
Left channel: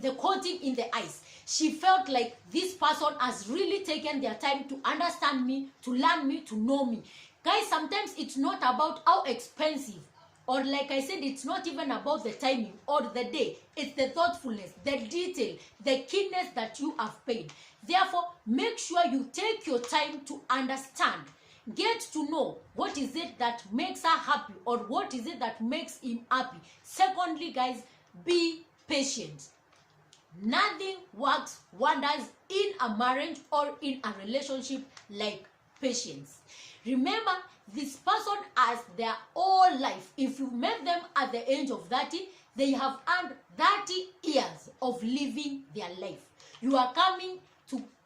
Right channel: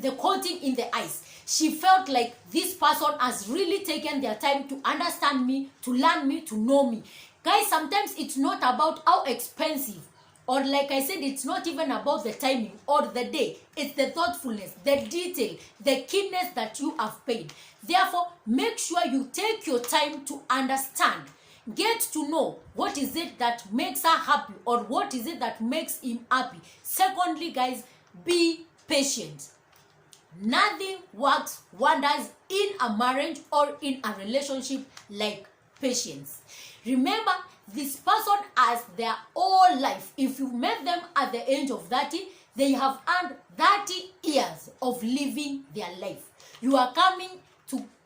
the coating in the ice. She felt like this person has really taken their time to understand me, to learn me, to know me. Guys, sometimes it's not about how expensive, or like I said, it's not even about the timing or the day. It's the thoughtfulness, the detail, the keenness that you have paid. Therefore, make sure you take your time to understand. Get to know what is it that makes her happy or what is it that makes him happy. Secondly, guys, be patient. Nothing works wonders in a marriage or in a relationship like patience. Remember, this person has their whole life. If you met them at the age of 30, they have earned 30 years of living their life. You are coming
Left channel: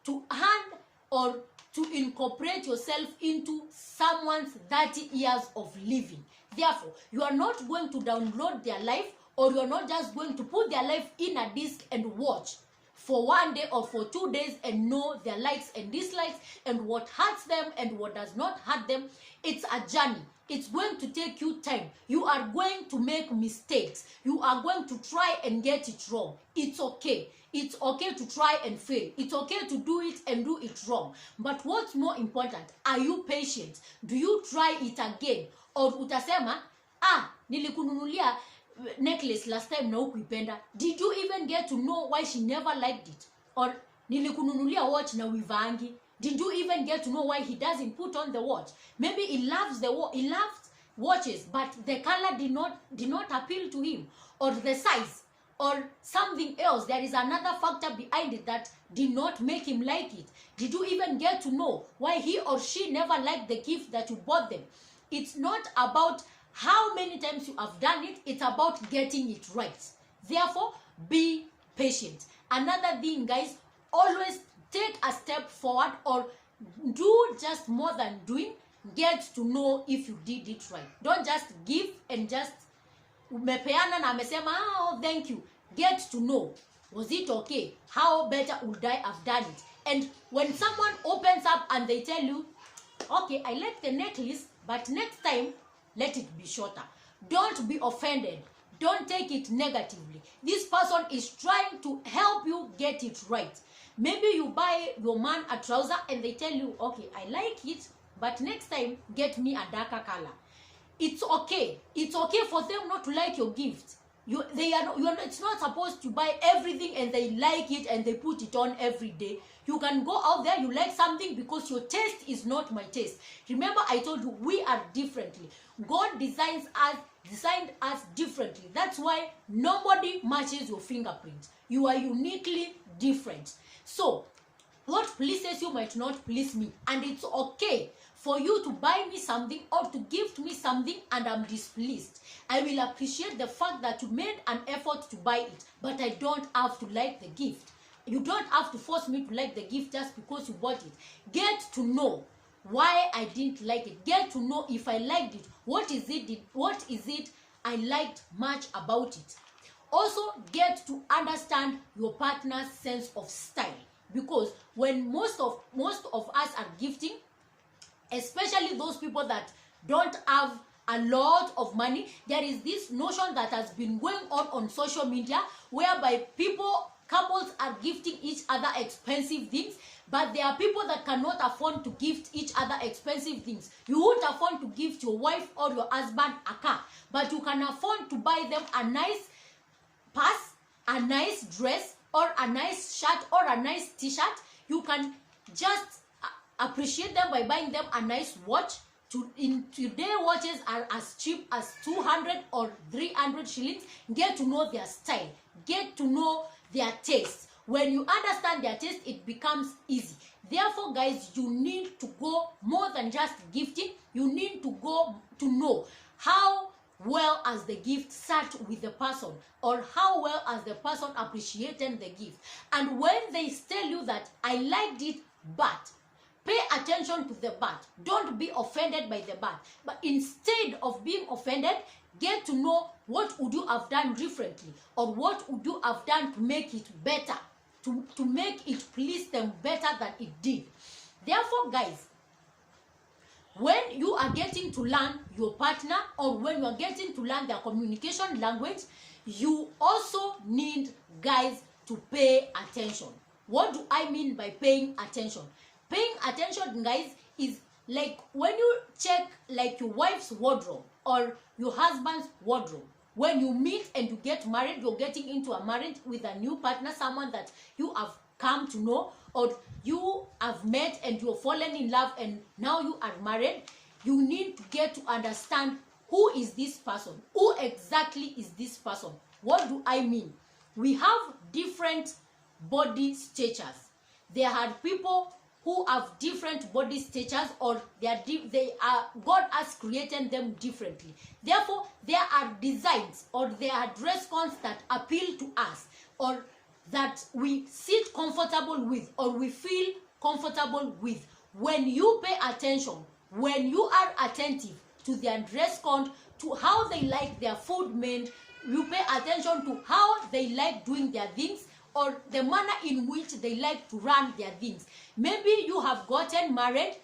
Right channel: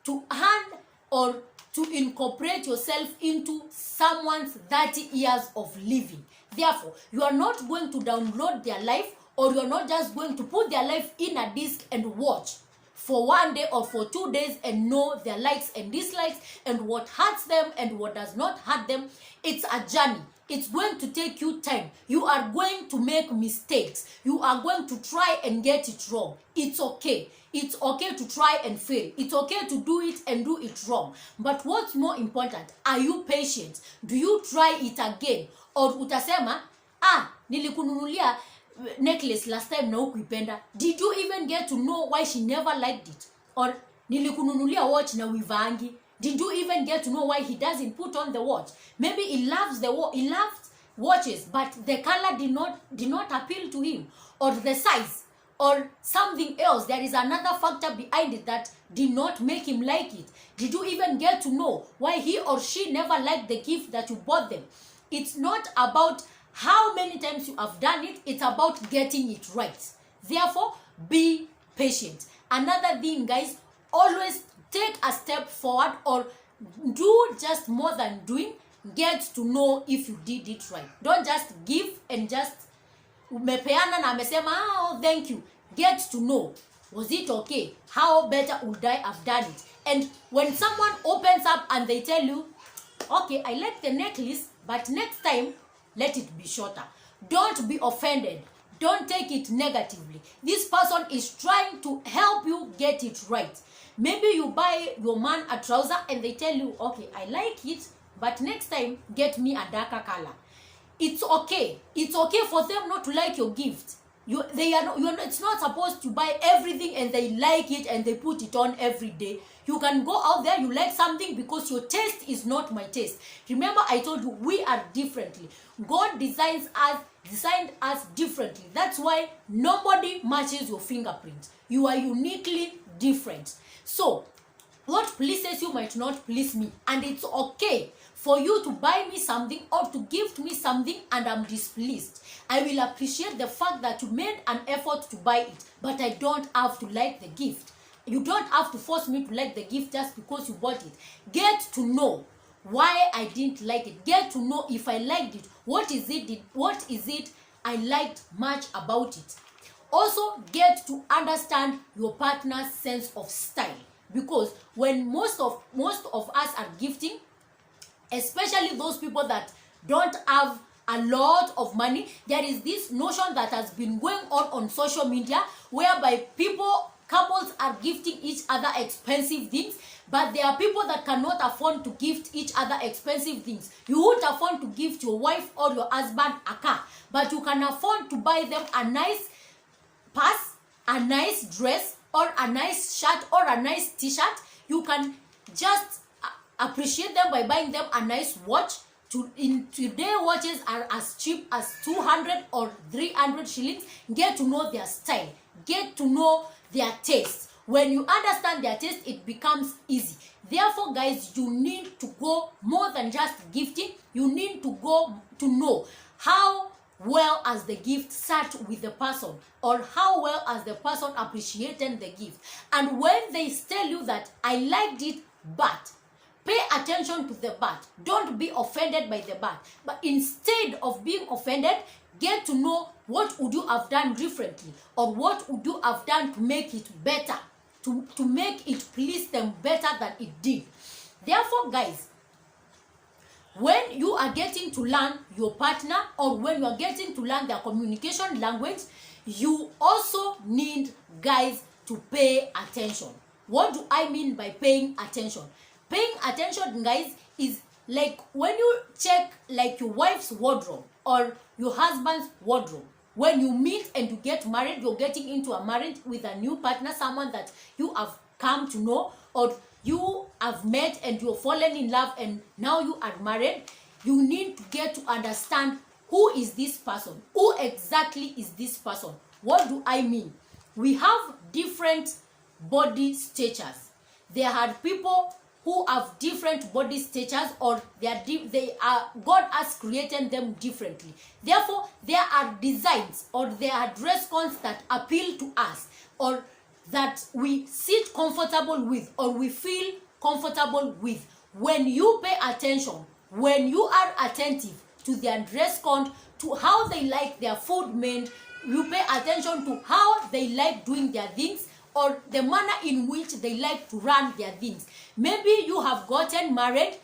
to earn or to incorporate yourself into someone's 30 years of living. Therefore, you are not going to download their life, or you are not just going to put their life in a disc and watch for one day or for 2 days and know their likes and dislikes and what hurts them and what does not hurt them. It's a journey. It's going to take you time. You are going to make mistakes. You are going to try and get it wrong. It's okay. It's okay to try and fail. It's okay to do it and do it wrong. But what's more important, are you patient? Do you try it again? Or utasema, nilikununulia necklace last time na hukuipenda. Did you even get to know why she never liked it? Or nilikununulia watch na wivangi. Did you even get to know why he doesn't put on the watch? Maybe he loves he loves watches, but the color did not appeal to him, or the size, or something else. There is another factor behind it that did not make him like it. Did you even get to know why he or she never liked the gift that you bought them? It's not about how many times you have done it. It's about getting it right. Therefore, be patient. Another thing, guys, always take a step forward, or do just more than doing. Get to know if you did it right. Don't just give and just umepeana na amesema, oh, thank you. Get to know, was it okay? How better would I have done it? And when someone opens up and they tell you, okay, I like the necklace, but next time, let it be shorter. Don't be offended. Don't take it negatively. This person is trying to help you get it right. Maybe you buy your man a trouser and they tell you, okay, I like it, but next time, get me a darker color. It's okay. It's okay for them not to like your gift. It's not supposed to buy everything and they like it and they put it on every day. You can go out there, you like something because your taste is not my taste. Remember, I told you we are differently. God designed us differently. That's why nobody matches your fingerprint. You are uniquely different. So, what pleases you might not please me. And it's okay for you to buy me something or to gift me something and I'm displeased. I will appreciate the fact that you made an effort to buy it, but I don't have to like the gift. You don't have to force me to like the gift just because you bought it. Get to know why I didn't like it. Get to know if I liked it. What is it I liked much about it? Also, get to understand your partner's sense of style. Because when most of us are gifting, especially those people that don't have a lot of money, there is this notion that has been going on social media whereby couples are gifting each other expensive things, but there are people that cannot afford to gift each other expensive things. You won't afford to gift your wife or your husband a car, but you can afford to buy them a nice purse, a nice dress, or a nice shirt, or a nice t-shirt. You can just appreciate them by buying them a nice watch in today, watches are as cheap as 200 or 300 shillings. Get to know their style. Get to know their taste. When you understand their taste, it becomes easy. Therefore, guys, you need to go more than just gifting. You need to go to know how well as the gift sat with the person, or how well as the person appreciated the gift. And when they tell you that I liked it, but pay attention to the but. Don't be offended by the but. But instead of being offended, get to know what would you have done differently, or what would you have done to make it better, to make it please them better than it did. Therefore, guys, when you are getting to learn your partner, or when you are getting to learn their communication language, you also need, guys, to pay attention. What do I mean by paying attention? Paying attention, guys, is like when you check like your wife's wardrobe or your husband's wardrobe. When you meet and you get married, you're getting into a marriage with a new partner, someone that you have come to know, or you have met and you're fallen in love and now you are married. You need to get to understand, who is this person? Who exactly is this person? What do I mean? We have different body statures. There are people who have different body statures, or God has created them differently. Therefore, there are designs, or there are dress codes that appeal to us, or that we sit comfortable with, or we feel comfortable with. When you pay attention, when you are attentive to their dress code, to how they like their food made, you pay attention to how they like doing their things, or the manner in which they like to run their things. Maybe you have gotten married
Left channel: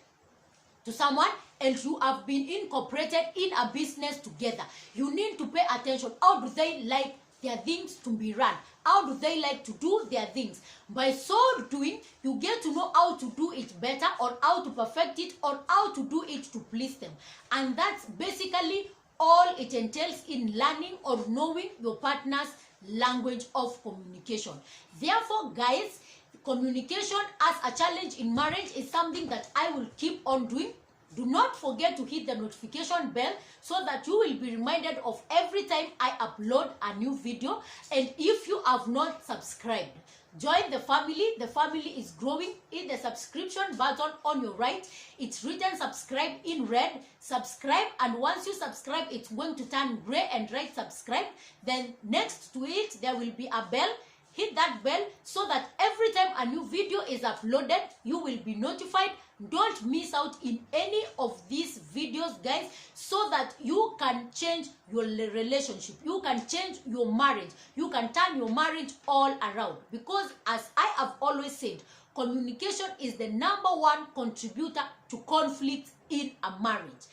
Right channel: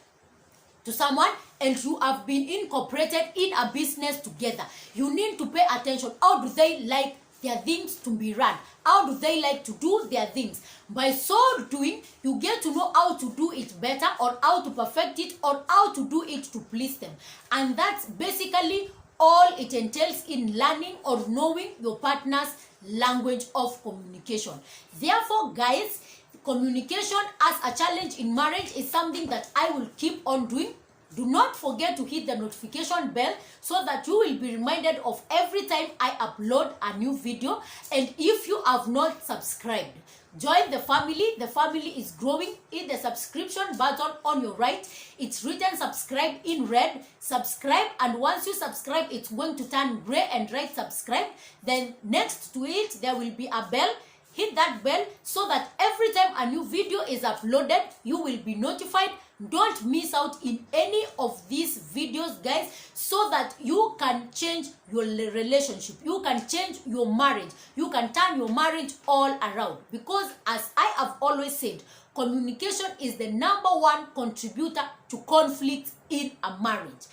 to someone and you have been incorporated in a business together. You need to pay attention. How do they like their things to be run? How do they like to do their things? By so doing, you get to know how to do it better, or how to perfect it, or how to do it to please them. And that's basically all it entails in learning or knowing your partner's language of communication. Therefore, guys, communication as a challenge in marriage is something that I will keep on doing. Do not forget to hit the notification bell so that you will be reminded of every time I upload a new video. And if you have not subscribed, join the family. The family is growing. Hit the subscription button on your right. It's written subscribe in red. Subscribe, and once you subscribe, it's going to turn gray and write subscribe. Then next to it, there will be a bell. Hit that bell so that every time a new video is uploaded, you will be notified. Don't miss out in any of these videos, guys, so that you can change your relationship. You can change your marriage. You can turn your marriage all around. Because as I have always said, communication is the #1 contributor to conflict in a marriage.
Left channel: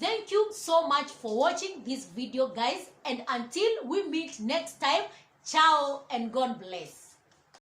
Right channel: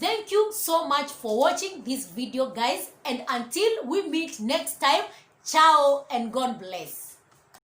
Thank you so much for watching this video, guys. And until we meet next time, ciao and God bless.